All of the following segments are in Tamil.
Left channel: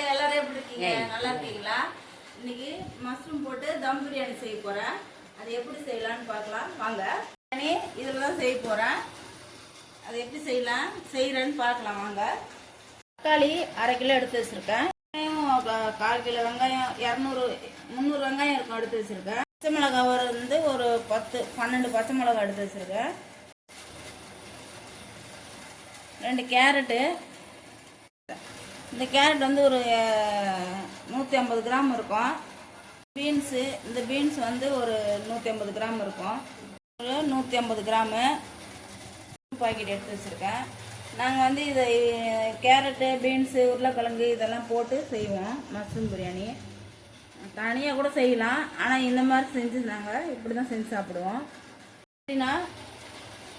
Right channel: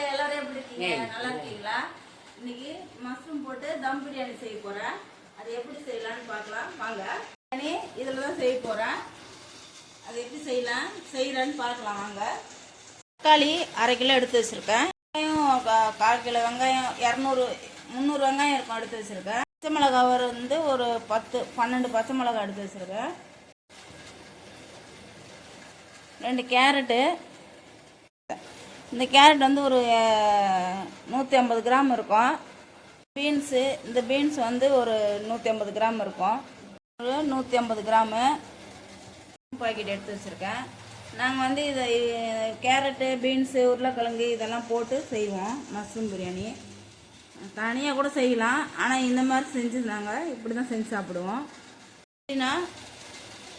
ஹாய், எல்லாரும் எப்படி இருக்கீங்க? நல்லா இருக்கீங்களா? இன்னைக்கு மஷ்ரூம் போட்டு தம் பிரியாணி செய்ய போறேன். அது எப்படி செய்யலாம்னு பார்க்கலாம் வாங்க. இதில் தான் செய்ய போறேன். அது எப்படி செய்யறேன்னு பார்க்கலாம் வாங்க. தக்காளி 1/2 கிலோ எடுத்து வச்சிருக்கேன். வெங்காயம் 1/4 கிலோ, வெங்காயம் 300 வெங்காயம் இருக்கும் எடுத்து வச்சிருக்கேன். பச்சை மிளகாய் வந்து ஒரு 10-12 பச்சை மிளகாய் எடுத்து வச்சிருக்கேன். 2 கேரட்டு. இந்த கேரட் வந்து ஒரு 150 கிராம் இருக்கும். பீன்ஸு, இந்த பீன்ஸ் வந்து ஒரு 150 கிராம் இருக்கும். ஒரு 150 கிராமு பாக்கெட் எடுத்து வச்சுருக்கேன். நாங்கள் வந்து இதை கேரட்டு, பீன்ஸு, உருளைக்கிழங்கு இதெல்லாம் போட்டு செய்வோம் மஷ்ரூம் பிரியாணி. தனியாக கூட செய்யலாம், ஆனால் இந்த மாதிரி செஞ்சு நாங்கள் இப்படி தான் செஞ்சு சாப்பிடுவோம். அப்படின்னா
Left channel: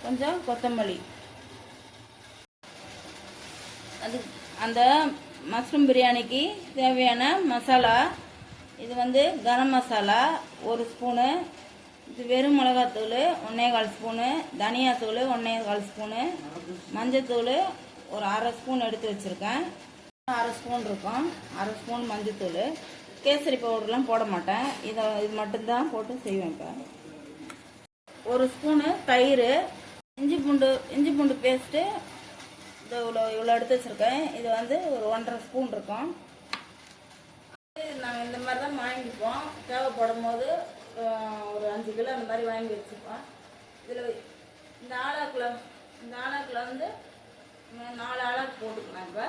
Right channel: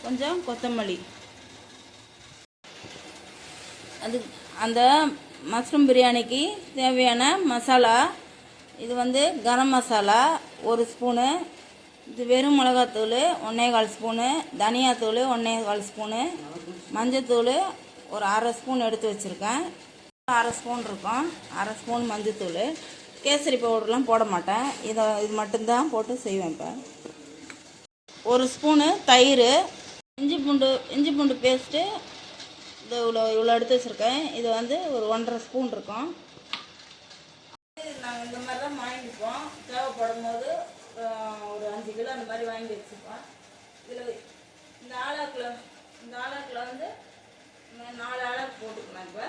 கொஞ்சம் கொத்தமல்லி, அது அந்த மஷ்ரூம் பிரியாணிக்கு தேவையான மசாலா. இது வந்து கரம் மசாலா 1 ஸ்பூனு, இது வெறும் மிளகாத்தூள் 1/4 ஸ்பூனு, தனியாத்தூள் 1/4 ஸ்பூனு, மஞ்சத்தூள் ஒரு 1/2 ஸ்பூன் எடுத்து வச்சுருக்கேன். 1/2 ஸ்பூன் இருக்கும். 1/2 ஸ்பூன் மஞ்சத்தூள். கேசரி பவுடர்லாம் போட மாட்டேன், இது மட்டும்தான் போட்டு செய்வேன். இப்போ 1 ஸ்பூனு தயிர், இஞ்சி பூண்டு பேஸ்ட்டு இவ்வளோ எடுத்து வச்சுருக்கேன். இது வந்து ஒரு 1/2 ஸ்பூன் இருக்கும். நாங்கள் இந்த மாதிரி தான் வாங்கிப்போம். தேவைப்படும் போது ஒரு 5 கிலோ அந்த மாதிரி வாங்கி வச்சுப்போம். இதில் இந்த ஆளாக்கில் வந்து 4 ஆளாக்கு போட்டுக்கலாம். இப்போ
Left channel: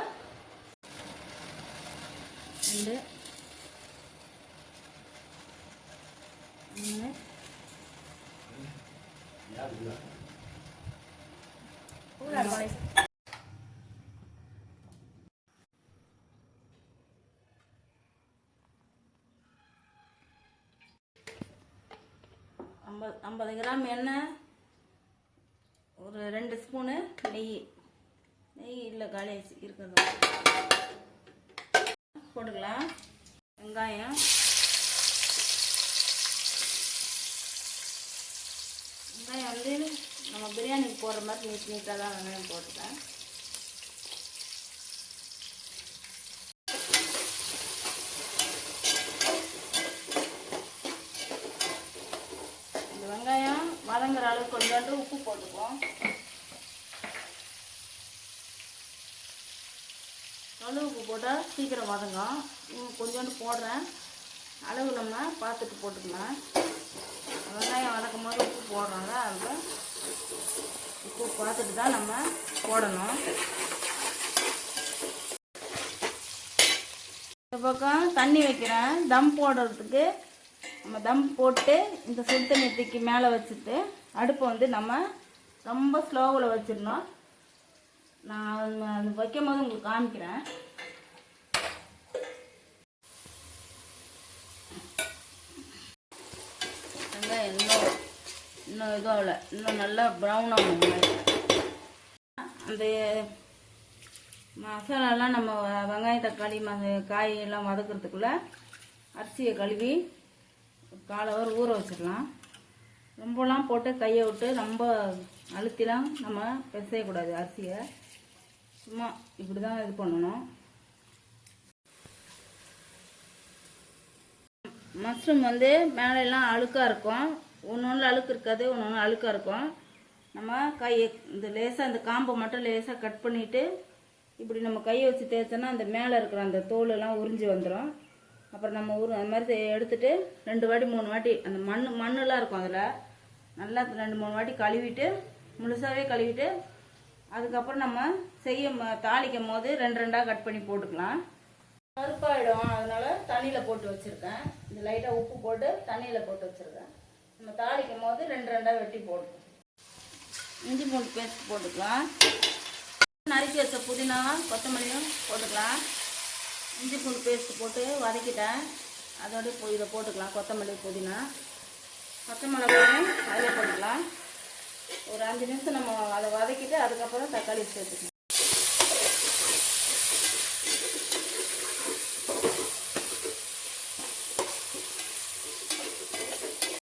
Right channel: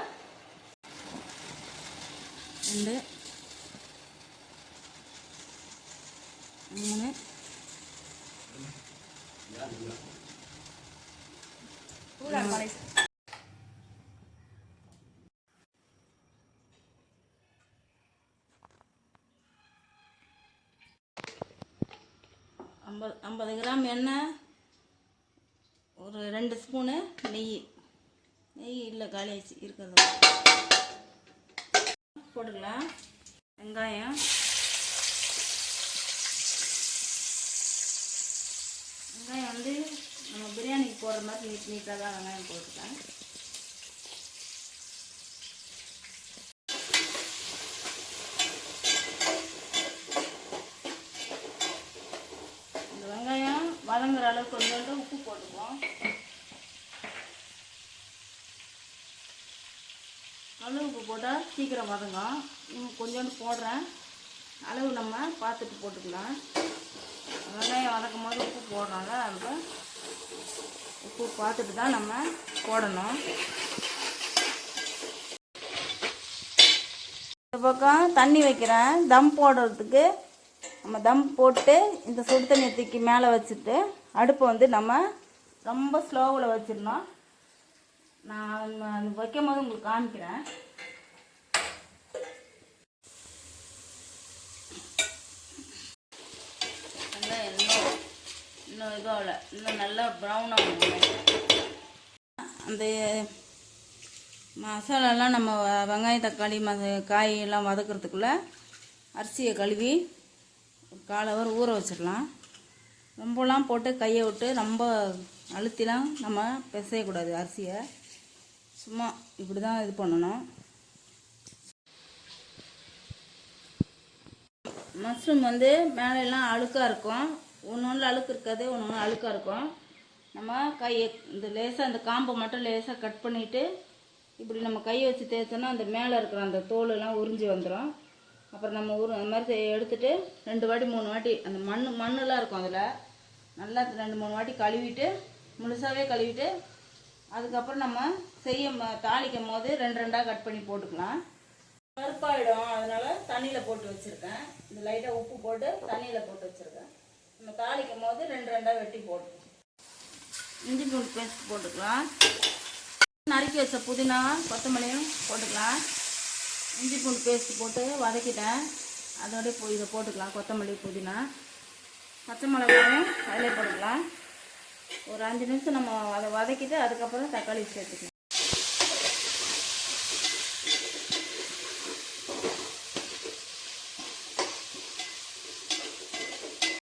2 3 50 கிராம் எண்ணெய், ஒரு 2 ஸ்பூனு நெய் இல்லை காலி ஆச்சு இருக்கிறது போட்டுக்கலாம். வெங்காயம் வந்து நம்ம பிரியாணிக்கு போடுற மாதிரி நீட்டாக தான் வெங்காயம் போட்டுக்கலாம். வெங்காயம் வதங்குற அளவுக்கு கொஞ்சோண்டு உப்பு போட்டுக்குவோம். அளவு உப்பு போட்டால் சீக்கிரம் வதங்கும். கொஞ்சோண்டு போடுறேன், அளவு நம்ம பார்த்துட்டு போட்டுக்கலாம். வெங்காயம் வதக்கும் போது உப்பு போடுறோங்க, அதுக்கு உப்பு பார்த்துட்டு தான் நம்ம போடணும். இந்த பக்கம் தண்ணி வைக்கிறேன் தம் போடுறதுக்கு. நம்ம தம் போட்டு இந்த சுடு தண்ணி தூக்கி மேலே வச்சுட்டு அடுப்பை வந்து நம்ம ரொம்ப ஸ்லோவில் வச்சிடணும். நான் அது வைக்கும் போது உங்களுக்கு காமிக்கிறேன். இன்னும் இதுவும் இன்னும் நல்லா ப்ரௌன் ஆகும். அந்த மசாலாலாம் நம்ம வெங்காயம், தக்காளி, காயெல்லாம் வதக்கிறதுக்குள்ளே அரிசியை கழுவி 1/4 ஹவர் ஊற வச்சிடலாம். ரொம்பலாம் போட்டு கையை விட்டு ரொம்ப அழுத்திலாம் நம்ம பிசையக்கூடாது அரிசியை. சும்மா இப்படி தான் இது பண்ணணும். மஷ்ரூம் வந்து மேலெல்லாம் அழுக்காக இருக்கும். ஒன்று அழுக்கு இருக்காது, ஒன்று அழுக்காக இருக்கும். நம்ம கையை இந்த லேசாக இந்த காம்பை மட்டும் லேசாக கட் பண்ணிவிட்டு இப்படி நம்ம கையை வச்சு தேய்ச்சோன்னா அந்த மேலே இருக்கிற அந்த தோலெல்லாம் உறிஞ்சி வந்துடும். அப்புறம் நம்ம அந்த மாதிரி எடுத்துகிட்டு 2 வாட்டி 3 வாட்டி அந்த மண்ணெலாம் இருக்கும் அதில் நல்லா 2-3 வாட்டி கழுவிட்டு, முழுசாகவே கழுவிட்டு, அதுக்கப்புறம் நம்ம தாளிக்கும் போது 2 கட் பண்ணி போட்டுக்கலாம். கருப்பாயிடும், அதனால் தண்ணியில் போட்டு வச்சுருக்கேன். இந்த லைட்டாக உப்பு போட்டு தண்ணியில் போட்டு வச்சுருக்கேன். நம்ம தாளிக்கும் போது 2 வெட்டி போட்டுக்கலாம். இஞ்சி பூண்டு பேஸ்ட் போட்டுக்கலாம். நறுக்கி வச்ச புதினா, கொத்தமல்லியும் போட்டுக்கலாம். இஞ்சி பூண்டு பேஸ்ட்டு போட்டு வதக்கிட்டேன். அதோடய இதை போட்டுக்கலாம். கொத்தமல்லி, புதினா, பச்சை மிளகாயும் அதில் போட்டுக்கலாம். ஒரு 5 நிமிஷம் நம்ம அதை வதக்கிட்டு அதுக்கப்புறம் தக்காளி சேர்த்துக்கலாம்.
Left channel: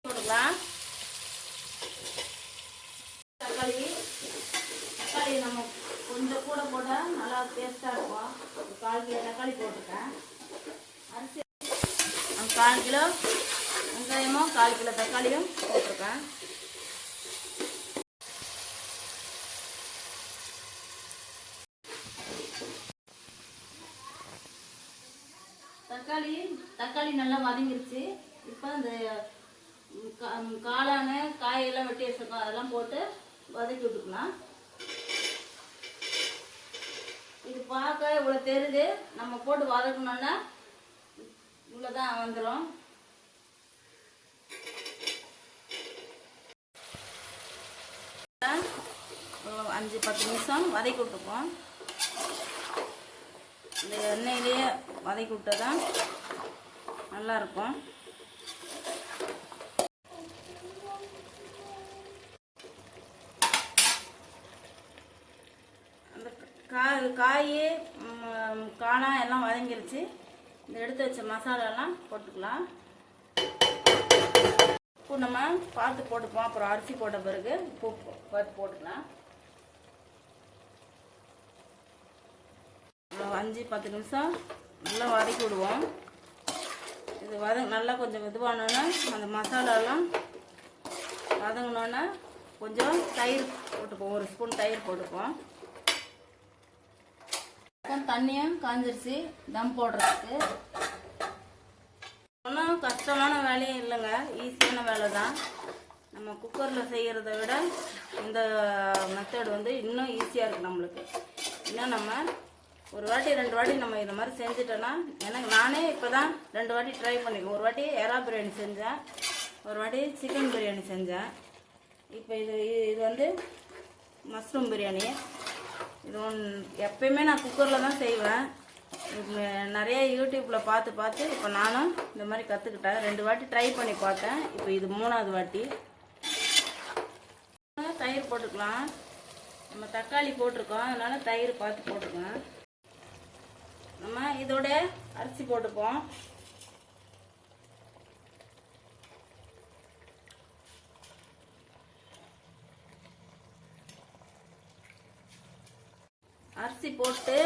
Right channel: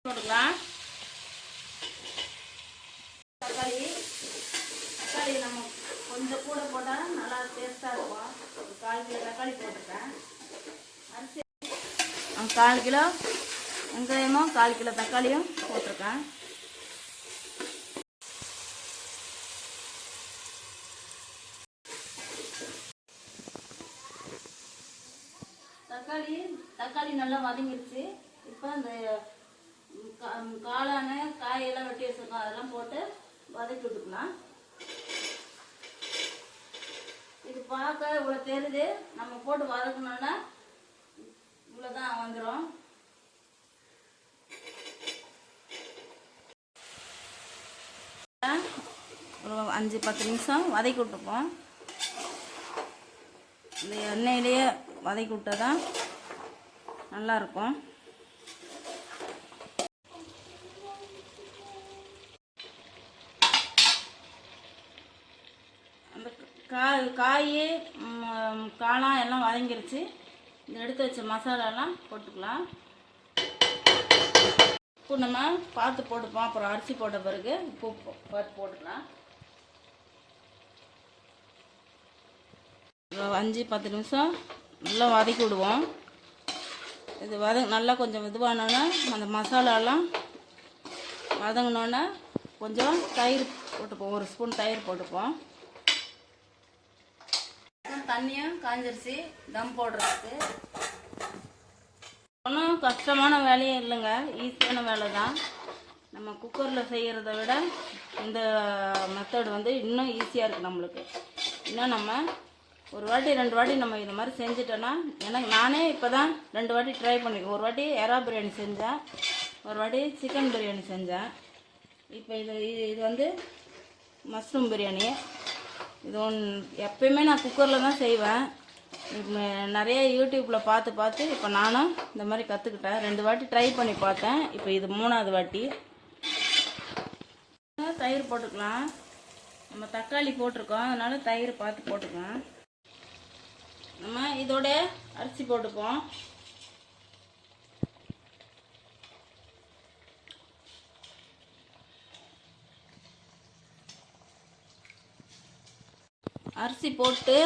போட்டுக்கலாம். தக்காளி நம்ம கொஞ்சம் கூட போட்டால் நல்லா டேஸ்ட்டாக இருக்கும். 1/4 கிலோ தக்காளி போட்டிருக்கேன். அரிசி 1/4 கிலோ வெங்காயமும் 1/4 கிலோ தக்காளியும் போட்டிருக்கேன். தக்காளி நல்லா வதங்கிருச்சு. இப்போ இந்த காளான காயெல்லாம் வெட்டி வச்சிருக்கோம், அதெல்லாம் போட்டு வதக்கி விட்டுக்கலாம். இது பார்க்க இவ்வளோ தெரியுது, நம்ம போட்டு வதக்கணுன்னா இவ்வளோதான் வந்துடும். ஒரு 5-10 நிமிஷம் வதக்கி விட்டுருக்கோம். இந்த எண்ணெயிலேயே வதக்கி விட்டாதான் நல்லாயிருக்கும். காய் காளான் எல்லாம் வதங்கிருச்சு. இந்த எடுத்து வச்ச மசாலாலாம் போட்டுக்கலாம். உப்பு நம்ம பார்த்து போட்டுப்போம். அப்புறம் அரிசி போட்ட பிறகு உப்பு போட்டுக்கலாம். 5-10 நிமிஷம் நல்லா வதக்கி விடுவோம். இது நல்லா கொஞ்சம் இதுவானோன்னா அந்த மசாலாலாம் வதங்கினோன்னா கொஞ்சம் தயிர் போட்டுப்போம். 1 ஸ்பூன் தயிர் போட்டுப்போம். தண்ணியும் காஞ்சிருச்சு தம் போடுறதுக்கு. ஒன்றும் கஷ்டமான வேலையும் இல்லைங்க, ஈஸியான வேலை தான். நம்ம குக்கரில் செய்கிறத விட இந்த மெத்தட் வந்து இன்னும் ஈஸியாக இருக்குது நம்மளுக்கு. இன்னும் நம்ம 1 வாட்டி 2 வாட்டி நம்ம இது மாதிரி செஞ்சுட்டோன்னா, ஏன்னா நானே இப்போ தான் 2 வாட்டி ட்ரை பண்ணிக்கேன். 1 வாட்டி எறா பிரியாணி செஞ்சேன், 1 வாட்டி சிக்கன் பிரியாணி செஞ்சேன். இப்போ இது வந்து மஷ்ரூம் பிரியாணி. இது எப்பயுமே நான் குக்கரில் தான் செய்வேன். நிறைய யூடியூப்பில் பார்த்து இப்போ நானும் இந்த மாதிரி கற்றுக்கிட்டேன். 2 வாட்டி ட்ரை பண்ணி பார்த்தேன். இப்போ இது 3வது வாட்டி. தயிர் போட்டுக்கலாம். நம்ம தக்காளி போட்டிருக்கோம், அதனால் தயிர் பார்த்து போட்டுக்கலாம். நம்ம இதோட அரிசி போட்டுப்போம். அரிசி போட்டு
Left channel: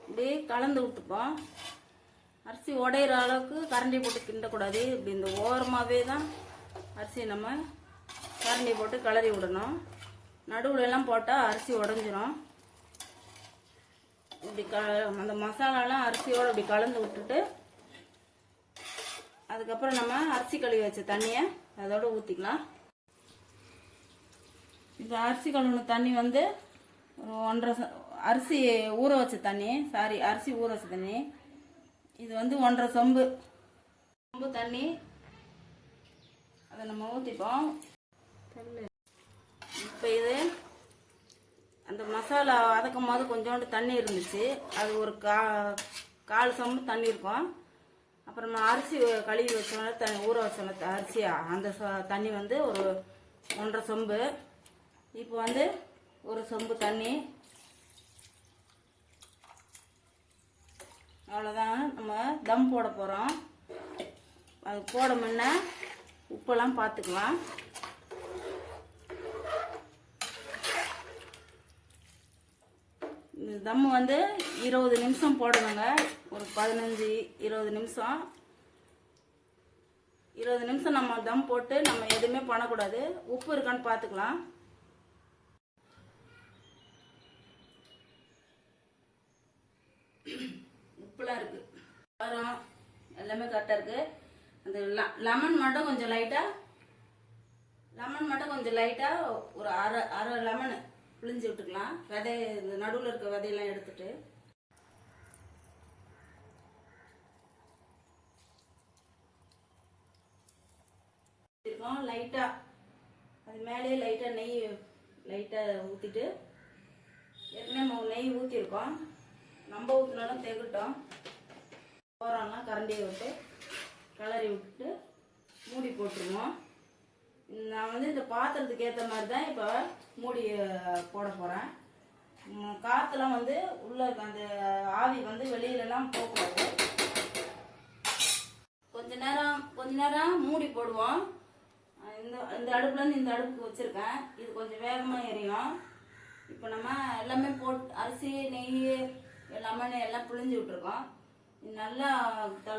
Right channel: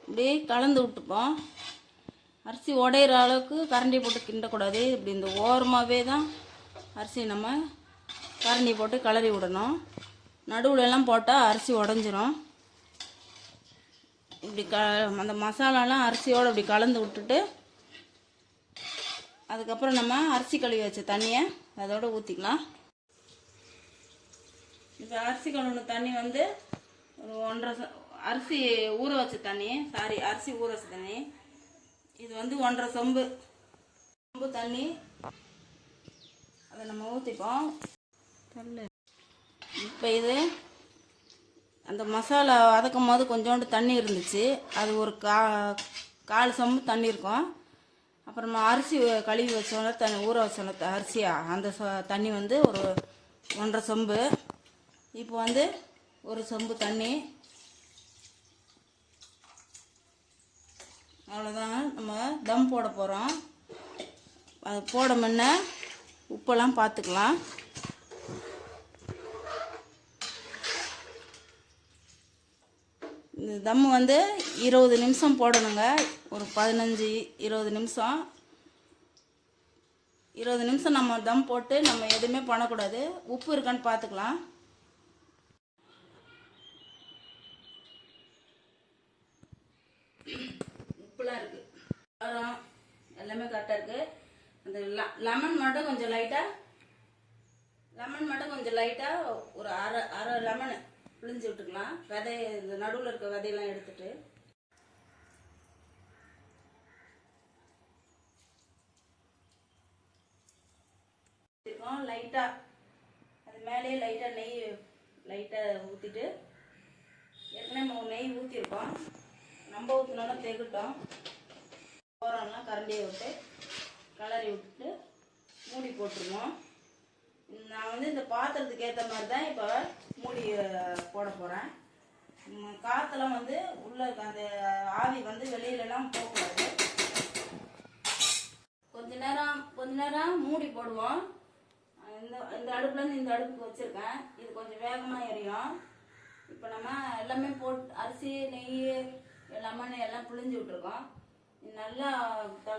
இப்படி கலந்து விட்டுப்போம். அரிசி உடையிற அளவுக்கு கரண்டி போட்டு கிண்டக்கூடாது. இப்படி இந்த ஓரமாகவே தான் அரிசி நம்ம கரண்டி போட்டு கிளறி விடணும். நடுவுலலாம் போட்டால் அரிசி உடஞ்சிரும். இப்படி அந்த மசாலாலாம் அரிசியோடு இப்படி கலந்து விட்டுட்டு அதுக்கப்புறம் நம்ம அரிசி கழுவி வச்ச தண்ணியை அதோட ஊற்றிக்கலாம். இப்போ அரிசி கழுவின தண்ணி வந்து 1.5 அரிசி ஊற வச்ச தண்ணி, அரிசி ஊற வச்ச தண்ணி. இது வந்து 1.5 சொம்பு தண்ணி. அதை நம்ம ஊற்றிப்போம். இப்போ இது அந்த மசாலா வதக்கும் போது கொஞ்சோண்டு தண்ணி இருந்துச்சு, அது ஒரு 1/4 சொம்பு தண்ணி இருக்கும். அப்புறமா அரிசி கழுவி வச்சோன்னா ஊற வச்சோன்னா அரிசியா அந்த தண்ணி வந்து ஒரு 1.5 சொம்பு. இப்போ வந்து 1 சொம்பு தண்ணி. அவ்வளோதான், நம்ம தம் போட போகிறோம். அது போட முன்ன உப்பெல்லாம் பார்த்துக்கலாம். இந்த தம் வந்து 20 நிமிஷம் போடணுங்க. ஒரு 15-20 நிமிஷம். 20 நிமிஷம் நம்ம தம் போட்டு நம்ம எதுவுமே பண்ணக்கூடாது. உப்பு இருக்கான்னு பார்த்துக்கலாம். உப்புலாம் இருக்குது, காரம் எல்லாமே கரெக்டாக இருக்குது. அந்த லெமன் மட்டும் கொஞ்சம் லைட்டாக ஒரு அரை லெமனு பிழிஞ்சு விட்டுக்கலாம். இந்த நடுவில் இருக்க விதையெல்லாம் எடுத்துட்டு லைட்டாக அது மேலேயே லைட்டாக ஊற்றிட்டு, ஏற்கனவே நெய் ஊற்றிருக்கோம், நம்ம ஊற்றினாலும் தெகட்டும். ஓரம்லாம் கரண்டியை விட்டு கிளறி விட்டுட்டு மூடி போட்டுருவோம். நான் வந்து இந்த பாத்திரத்துக்கு ஏற்ற மாதிரி தான் இப்போ மூடி போட போகிறேன். காற்றுலாம் வந்து உள்ள அந்த ஆவி வந்து வெளியிலலாம் போகக்கூடாது. கொஞ்ச நேரம் மூடி போடுவோம். இந்த அடுப்புலேருந்து இந்த அடுப்புக்கு வச்சுருக்கேன். இது கொஞ்சம் வேகமாக எரியும். இப்போ நம்ம எல்லாமே போட்டு அரிசி நெய் எல்லாமே லெமன் எல்லாம் பிழிஞ்சு விட்டுருக்கோம். இது நல்லா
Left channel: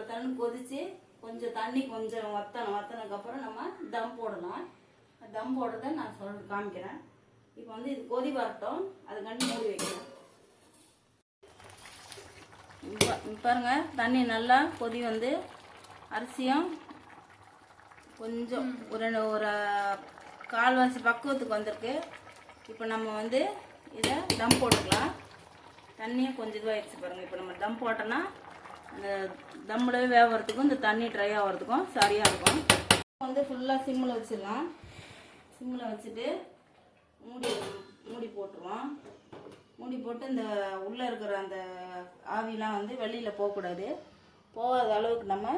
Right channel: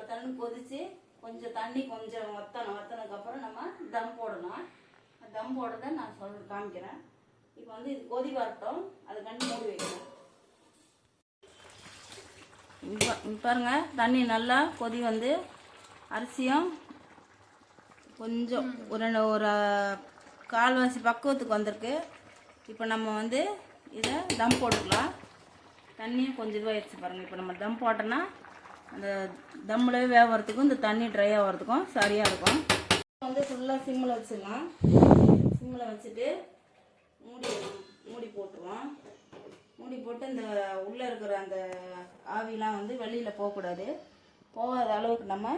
தண்ணி கொதித்து கொஞ்சம் தண்ணி கொஞ்சம் வத்தினதுக்கப்புறம் நம்ம தம் போடலாம். தம் போடுறத நான் காமிக்கிறேன். இப்போ வந்து இது கொதி வரட்டும், அதுக்காண்டி மூடி வைக்கிறேன். பாருங்க, தண்ணி நல்லா கொதி வந்து அரிசியும் கொஞ்சம் ஒரு கால்வாசி பக்குவத்துக்கு வந்திருக்கு. இப்போ நம்ம வந்து இதை தம் போட்டுக்கலாம். தண்ணியும் கொஞ்சம் இதுவாகிடுச்சு பாருங்கள். இப்போ நம்ம தம் போட்டோன்னா அந்த தம்மில் வேகிறதுக்கும் இந்த தண்ணி ட்ரை ஆகிறதுக்கும் சரியாக இருக்கும். வந்து ஃபுல்லாக சிம்மில் வச்சிடலாம். சிம்மில் வச்சுட்டு மூடி போட்டுருவோம். மூடி போட்டு இந்த உள்ளே இருக்கிற அந்த ஆவிலாம் வந்து வெளியில் போகக்கூடாது. போகாத அளவுக்கு நம்ம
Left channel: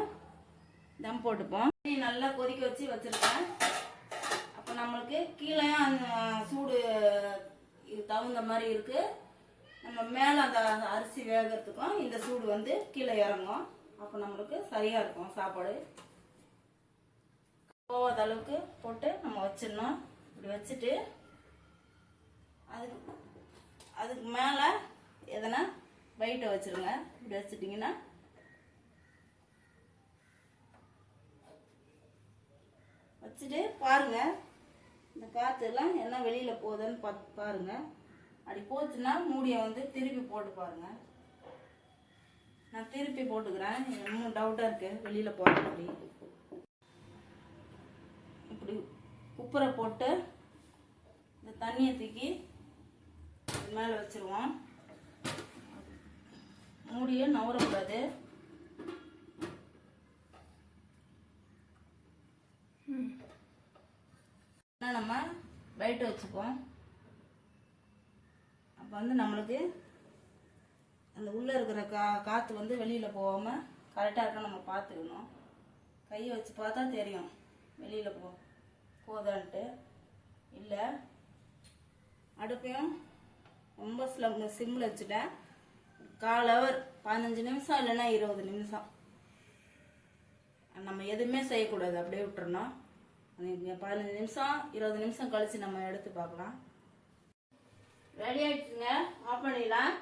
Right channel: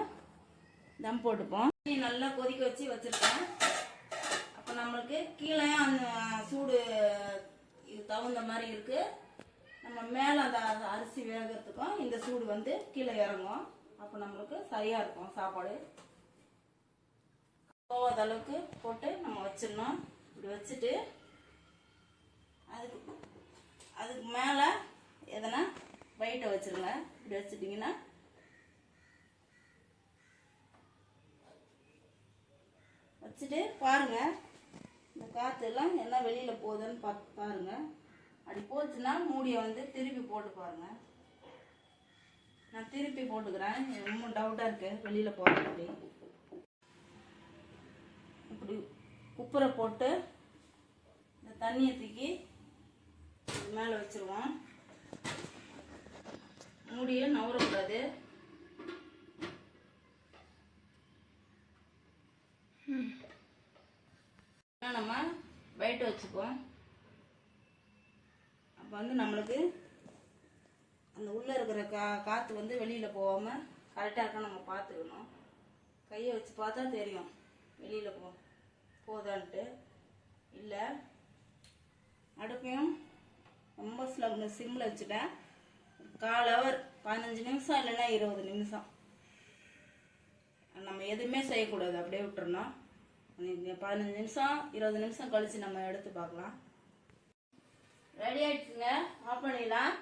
தம் போட்டுப்போம். நல்லா கொதிக்க வச்சு வச்சுருக்கேன். அப்போ நம்மளுக்கு கீழே அந்த சூடு தகுந்த மாதிரி இருக்குது. நம்ம மேலே அந்த அரிசி வேகிறதுக்கும் இந்த சூடு வந்து கீழே இறங்கும். அப்போ நம்மளுக்கு சரியாக இருக்கும். சாப்பாடு போகாத அளவுக்கு போட்டு நம்ம வச்சிடணும். இப்படி வச்சுட்டு அதுக்கு மேலே எதனா வெயிட்டை வச்சுருங்க. இப்படி வச்சுட்டிங்கன்னா வச்சுட்டு பாருங்கள், இந்த காற்றெல்லாம் என்ன வெளியில் போகுதுன்னு பாருங்கள். அப்படி போச்சுன்னா மூடியை வந்து திருப்பி போட்டு பாருங்கள். நான் திருப்பி போட்டுக்கிறேன். ரொம்ப டவுட்டாக இருக்குது வெளியில் போகிறது. இப்படி குப்பரை போட்டு இந்த தண்ணியை தூக்கி மேலே வச்சுருவோம். மூடியை நவரக்கூடாது. நம்ம வெயிட் வச்சுப்போம். அப்போ வந்து நம்மளுக்கு அந்த உள்ளே இருக்கிற காற்று வந்து வெளியில் போகாமல் கரெக்டாக இருக்க நம்ம பார்த்துக்கணும். கையை வச்சு பார்த்தா தெரியும் வெளியில் போதான்ட்டு. இல்லை அடுப்பையும் ரொம்ப சிம்மில் வச்சுட்டேன். 1/4 ஹவர் 15 நிமிஷம் இல்லைன்னா 20 நிமிஷம் நம்ம எதுவுமே செய்யக்கூடாது. அப்படியே விட்டுறணும். 15 நிமிஷம் 20 நிமிஷம் கழித்து நம்ம எடுத்து பார்க்கலாம். ரெடி ஆகிடுச்சுங்க. ஆஃப் பண்ணிடலாம்.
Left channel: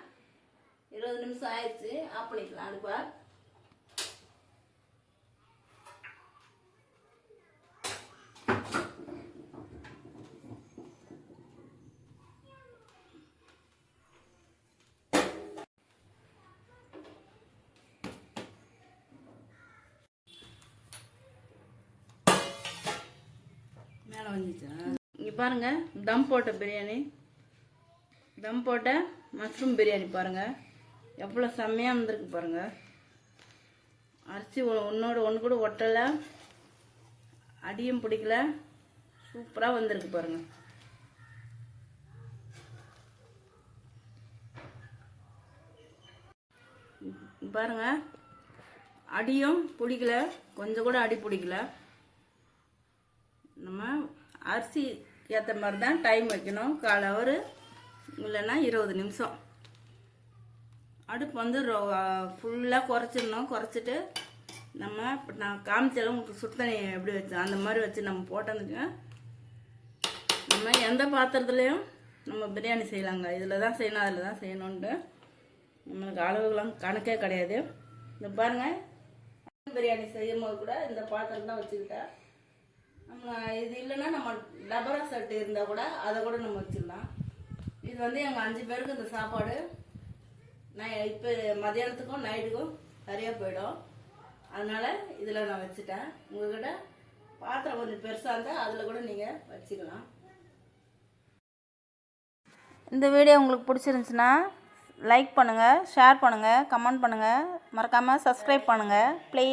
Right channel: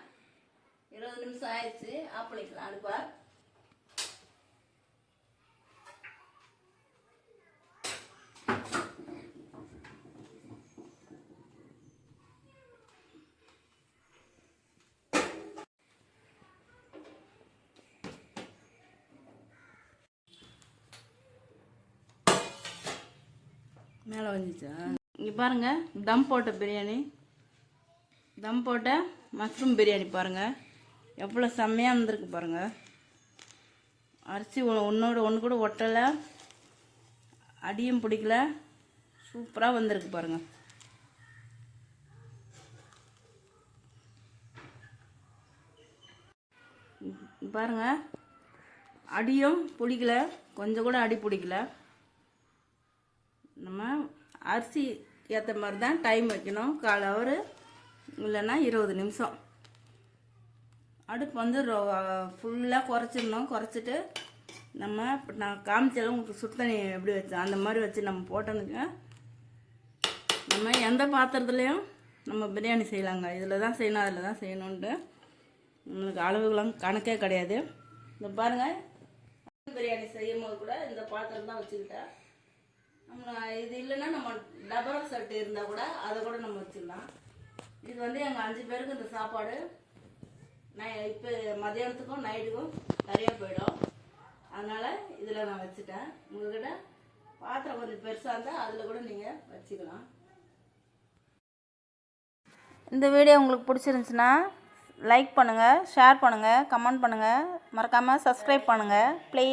20 நிமிஷம் ஆயிடுச்சு. ஆஃப் பண்ணிக்கலாம் அடுப்பா. மேலே வந்துச்சா? இங்கே பாருங்கள், தம் போட்ட பிரியாணி, தம் போட்ட மஷ்ரூம் பிரியாணி பாருங்கள் எவ்வளோ செம்மையாக வந்திருக்கு பாருங்கள். அரிசி ஒன்று கூட ஒட்டலை, அடியும் பிடிக்கல, சூப்பராக வந்திருக்கு பாருங்கள். பாருங்கள், அடியும் பிடிக்கல, கொஞ்சம் கூட அடி பிடிக்கல. நம்ம அரிசி ஏற்ற மாதிரி தான் டைம் வைக்கணும். 1/4 ஹவர் இல்லைன்னா 20 நிமிஷம். அடுப்பு வந்து ஃபுல்லாக குறைச்சிடணும். குறைச்சிட்டு நம்ம நான் காமிச்சாலும் உங்களுக்கு சுத்தண்ணி எப்படி வச்சோம் அந்த மாதிரி வச்சு நம்ம போட்டோந்துங்க. நம்ம எந்த பாத்திரத்துலேயும் நம்ம பிரியாணி செய்யலாங்க. இதில் தான் செய்யணும், அதில் தான் செய்யணுன்ட்டு நம்மளுக்கு அளவுகளும் கணக்கே கிடையாது. இந்த பாருங்கள், பிரியாணி செய்யும் போது கூட இந்த பாத்திரம் தான் வச்சுக்கிட்டேன். நம்ம இது இல்லைன்னா நம்ம டபரா செட்டு இருந்தால் கூட அதை கூட நம்ம வச்சுக்கலாம். இது வந்து எங்கள் 5 பேருக்கு இந்த சாப்பாடு இப்போ மதியானத்துக்கும் நைட்டுக்கும் நிறையா போயிடும். அதனால் இதில் நான் வச்சுட்டேன். உங்கள்கிட்ட பாத்திரம் கொஞ்சம் பெருசாக இருந்தால் அதில் கூட நீங்கள் வச்சுக்கலாம். இந்த வீடியோ உங்களுக்கு பிடிச்சிருந்துச்சுன்னா லைக் பண்ணுங்கள், ஷேர் பண்ணுங்கள், கமெண்ட் பண்ணுங்கள், மறக்காமல் சப்ஸ்கிரைப் பண்ணுங்கள் ப்ளீஸ்.